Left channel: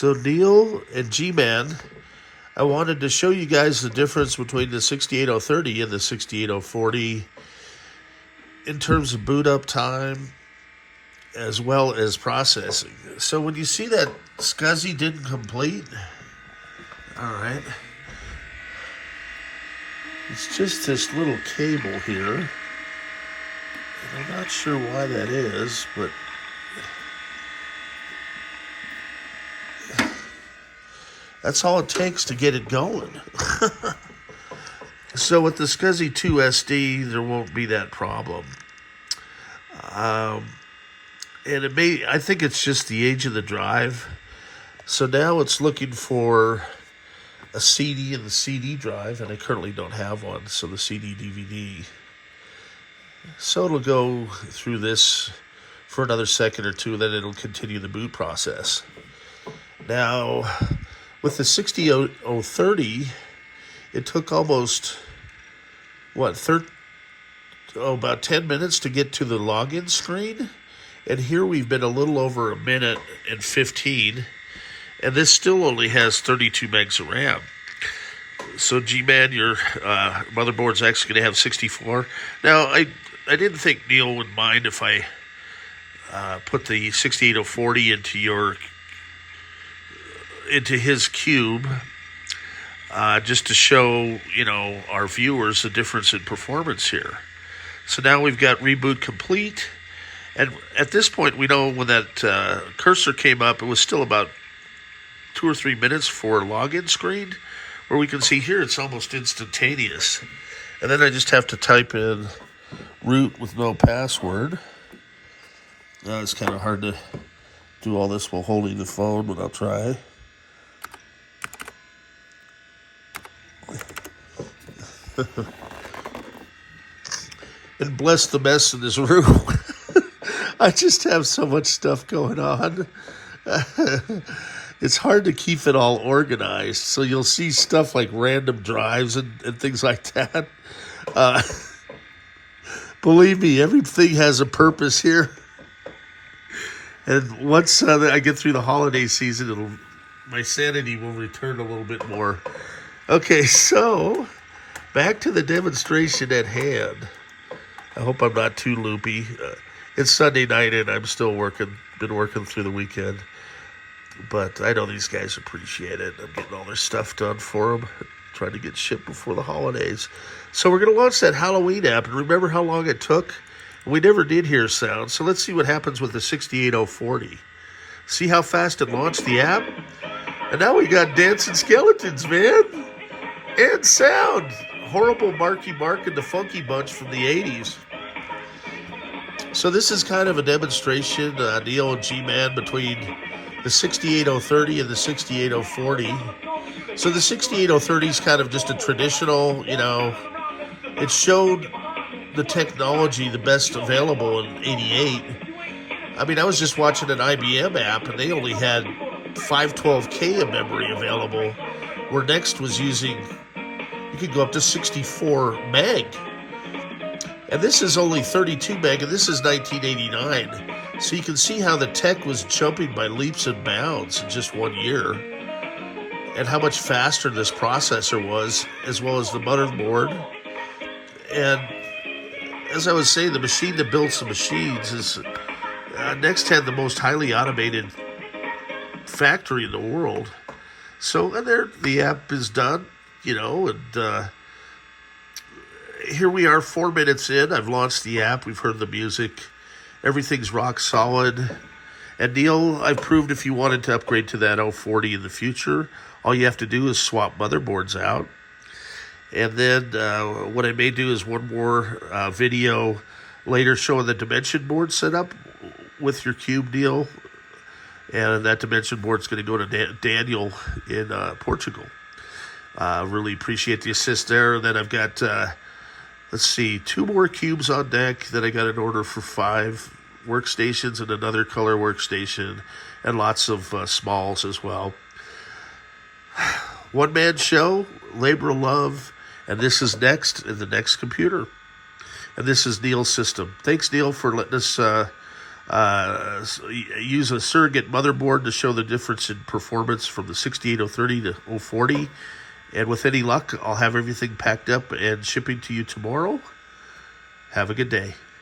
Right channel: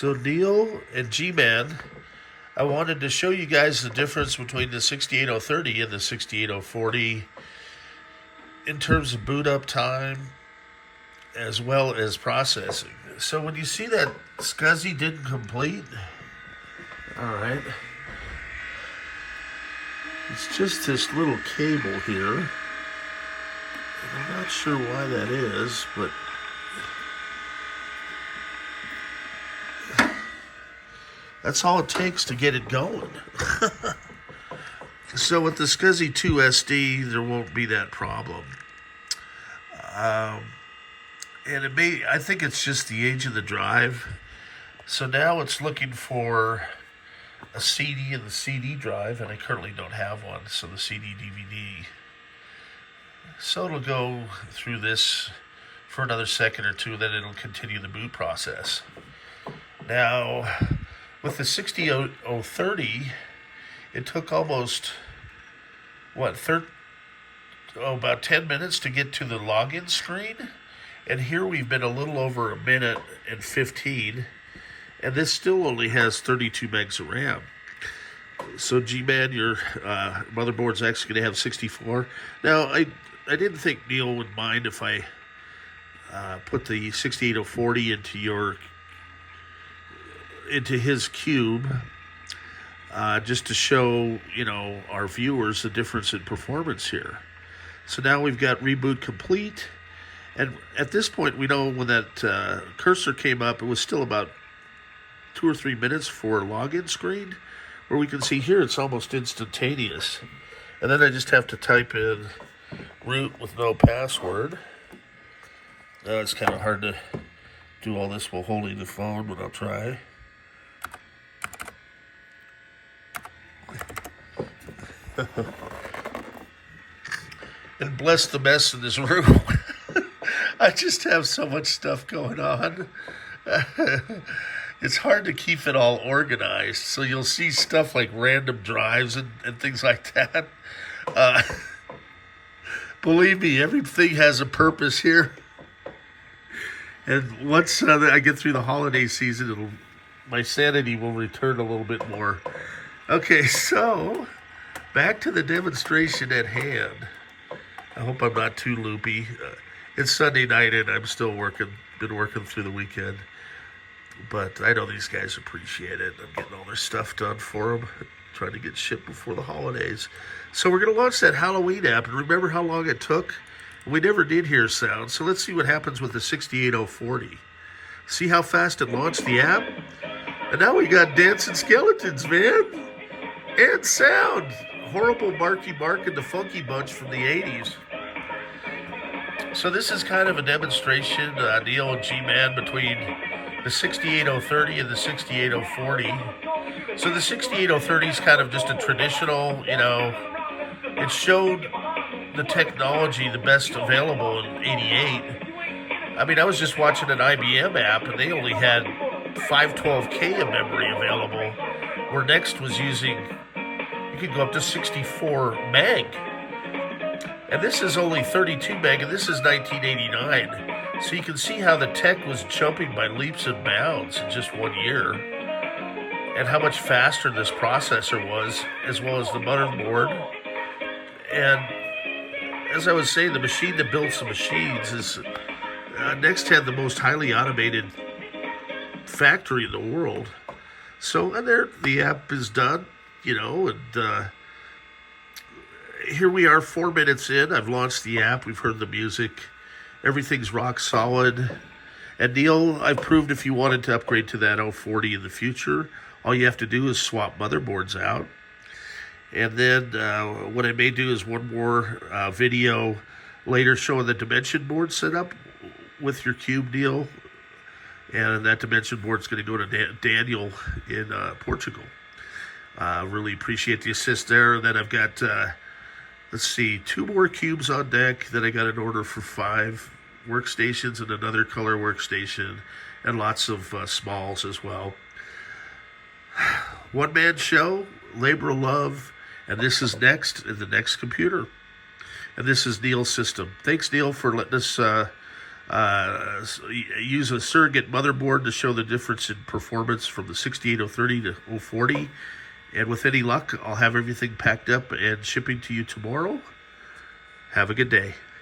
So Neal and Gman, I wanted to show you guys the difference between the 68030 and the 68040 in terms of boot up time as well as processing. So when you see that SCSI didn't complete, all right, it's just this little cable here. And I'm not sure why that is, but that's all it takes to get it going. So with the SCSI 2 SD, there won't be that problem. And I think it's just the age of the drive. So now it's looking for a CD in the CD drive, and I currently don't have one, so the CD DVD. So it'll go through this for another second or two, then it'll continue the boot process. Now, with the 60030, it took almost, about 10 minutes to get to the login screen. And here we've been a little over a minute and 15, and this still only has 32 megs of RAM. So Gman, your motherboard's actually going to have 64. Now, I didn't think Neal would mind if I put the 68040 into his cube, just to show, our viewers the difference in performance here. So now we've got reboot complete. And at this point, we know when that cursor came up, it was still about 2 or 3 minutes for login screen, where we can see here it's almost instantaneous. And then I just have to type in root with no password. It's kind of hard to do all this while holding the phone, but I'll try. And bless the mess in this room. I just have so much stuff going on. It's hard to keep it all organized. So you'll see stuff like random drives and things like that. Believe me, everything has a purpose here. And once I get through the holiday season, my sanity will return a little bit more. Okay, so back to the demonstration at hand. I hope I'm not too loopy. It's Sunday night and I'm still been working through the weekend. But I know these guys appreciate it. I'm getting all their stuff done for them, trying to get shipped before the holidays. So we're going to launch that Halloween app. And remember how long it took? We never did hear sound. So let's see what happens with the 68040. See how fast it launched the app? And now we got dancing skeletons, man. And sound. Horrible Marky Mark and the Funky Bunch from the 80s. So this is kind of a demonstration, Neal and Gman, between the 68030 and the 68040. So the 68030 is kind of just a traditional, it showed the technology the best available in 88. I mean, I was just watching an IBM app, and they only had 512K of memory available, where Next was using, you could go up to 64 meg. And this is only 32 meg, and this is 1989. So you can see how the tech was jumping by leaps and bounds in just 1 year, and how much faster this processor was, as well as the motherboard. And as I was saying, the machine that builds the machines is, Next had the most highly automated factory in the world. So, and there, the app is done, and here we are 4 minutes in. I've launched the app. We've heard the music. Everything's rock solid. And Neal, I've proved if you wanted to upgrade to that 040 in the future, all you have to do is swap motherboards out. And then what I may do is one more video later showing the dimension board setup with your cube, Neal. And that dimension board's going to go to Daniel in Portugal. Really appreciate the assist there. And then I've got, 2 more cubes on deck. Then I got an order for 5 workstations and another color workstation, and lots of smalls as well. One-man show, labor of love, and this is Next in the Next computer. And this is Neal's system. Thanks, Neal, for letting us Use a surrogate motherboard to show the difference in performance from the 68030 to 040. And with any luck, I'll have everything packed up and shipping to you tomorrow. Have a good day.